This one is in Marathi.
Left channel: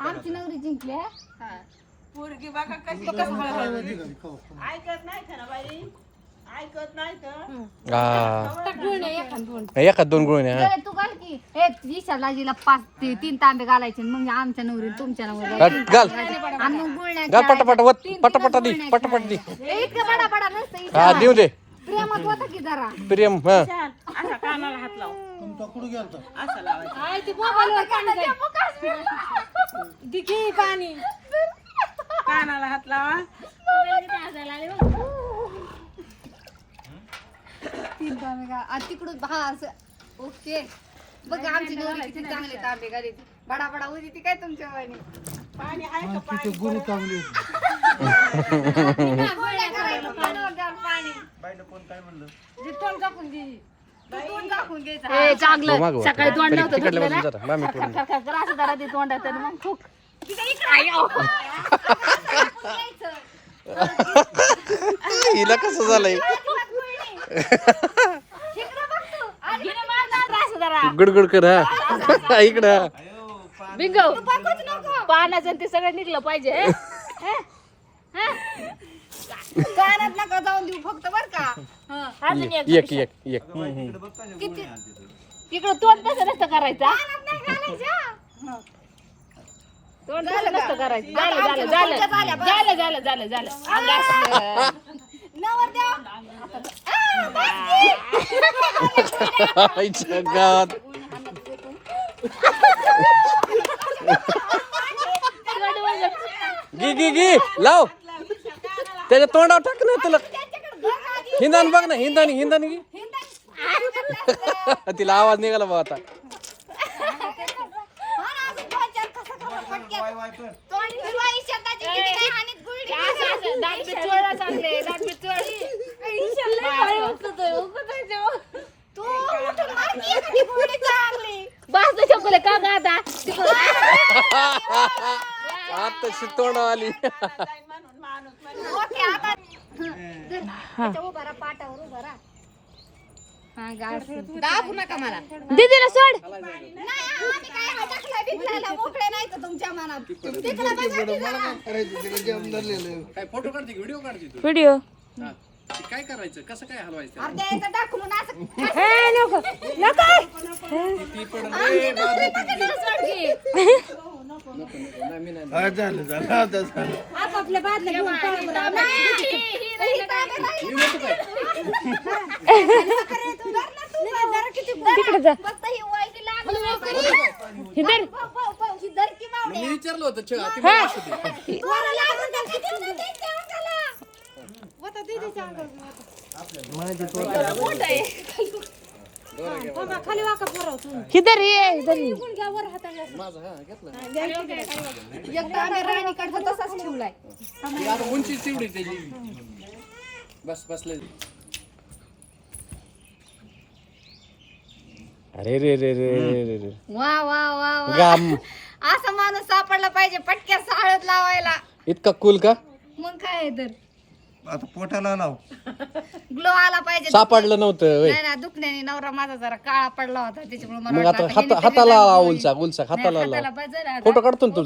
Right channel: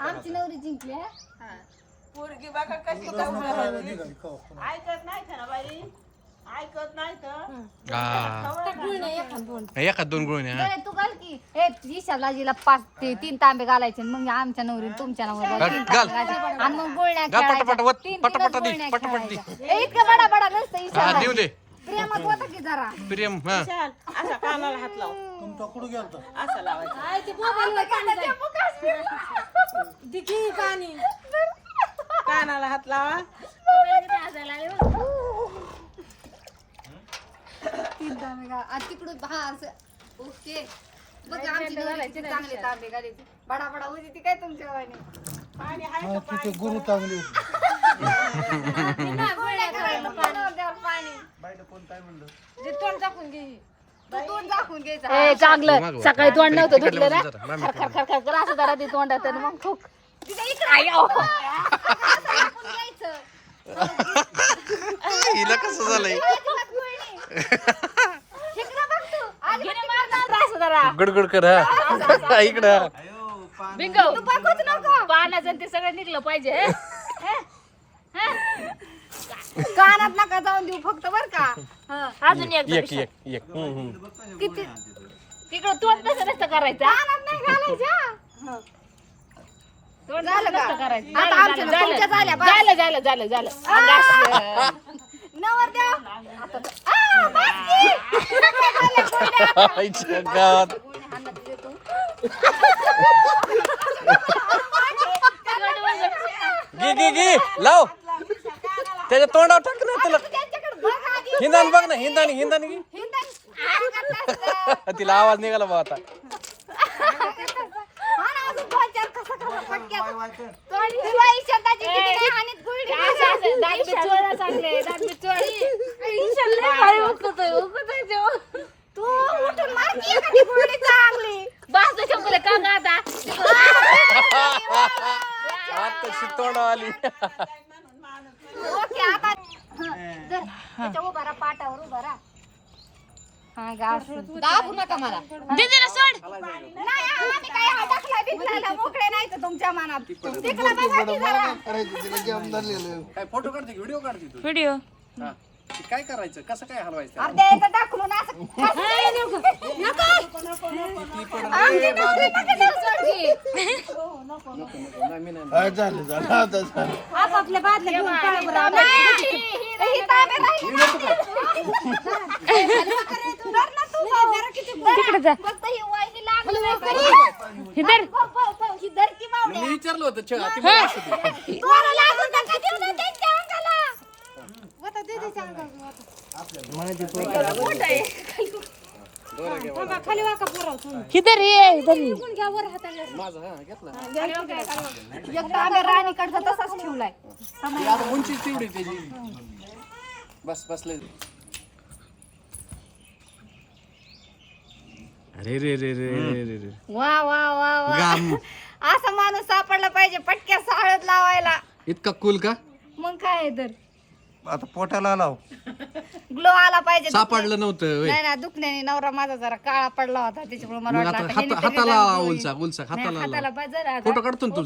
आमची नवरी जिंकली हा? पोरगी बघा कशी ऐकत नाही बाई. ऐकत नाही तर. हा एखाद दोन हा. ए, तू घाल की. ए ईशालाजीला पाच ते तीन तांबे घालायचे मग आमच्या नवरी तुमच्या नवरी घाल, घाल. आणि मग पटापट. वत पटापट दे पटापट दे खेळायच्या. ए, इतकं बडा बडा नसतं हा ईशाला. देऊ दे. प्रेमात होता की जरा? प्रियम हा. असा कानाला हात लाव. तुमचा कुठं गेलता? असा लावायचा. पाणी. कानाला हात लावा. तीन तांबे घाल. आणि तिकडून हा असं. ओके. बघ आमची नवरी किती चांगले तांबे घालायचे बडा बडा होती ती काय तुमच्या वाणी तिथे गुरु चांगली होती. पाणी? तोंड झाकून घ्यायचं चांगलं. सकाळी तोंड नव्हतं खर-. खर- खर- खर असं जरा ते तोंडात मग खूप. हिला कसं झालंय. गुडगुड कर हा. इकडं. पाण्याचं ते सगळं निघलं पाहिजे हे? कानात नका जाऊन देऊ फक्त बर का अजून एक एक एक एक हम्म, हम्म. किती तिकडं तोंड तसं नसतं करायचं हा? कानात नाही घालायच्या तोंड झालं का? करायचं आता झालं आमच्या झालं तुमच्या झाल्या, बस. झालं झालं झालं झालं झालं आ! नवरदेव. आ, बस की. आईच्या गावात. गी गी गी लाव त्याच्या तोंडावर टाक ना तुला. हिंदानी बघ ना हिंदानी हिंदानी. घे. तिला आवाज निघाला बघ आता. हा आता? आली. दाबू नका मला दीदीला सोड हा तुमच्या मनात फोटो काढते व्हिडिओ काढते हा. काय करायचं कसं काय हलवायचं नको नको झालं झालं. आता झालं. तिकडे जा. ही धर. मी विचारलं होतं छे, ती बोलत होती. तोरा लागून नका देऊ ना त्यांच्या अंगाला. हे. धर हे धर हे. माझं हा घेतलं. एक तांबे राणीकडचा तसाच ठेवलाय. ती आता उंची तेवढी त्याची. बस बसले अरे रे रे रे रे रे वा वा वा वा. गाम. असा माणूस सापडला पाहिजे पटक्या साळत लावायला. इतका कुल का? मग काय तर? आता पोटाला लाव ग्लो आला पाहिजे सापडलं नव्हतं होय. नाही ना दुखण्याने नवरा माझा जरा काळा पडला होता त्याच्यामुळे मला मग वाटलं आता आता ह्याने हाता- तरी हाताला लावा. उलसा उलसा नाही, हाताला हाताला लावा. फोटो काढतो ना तुझा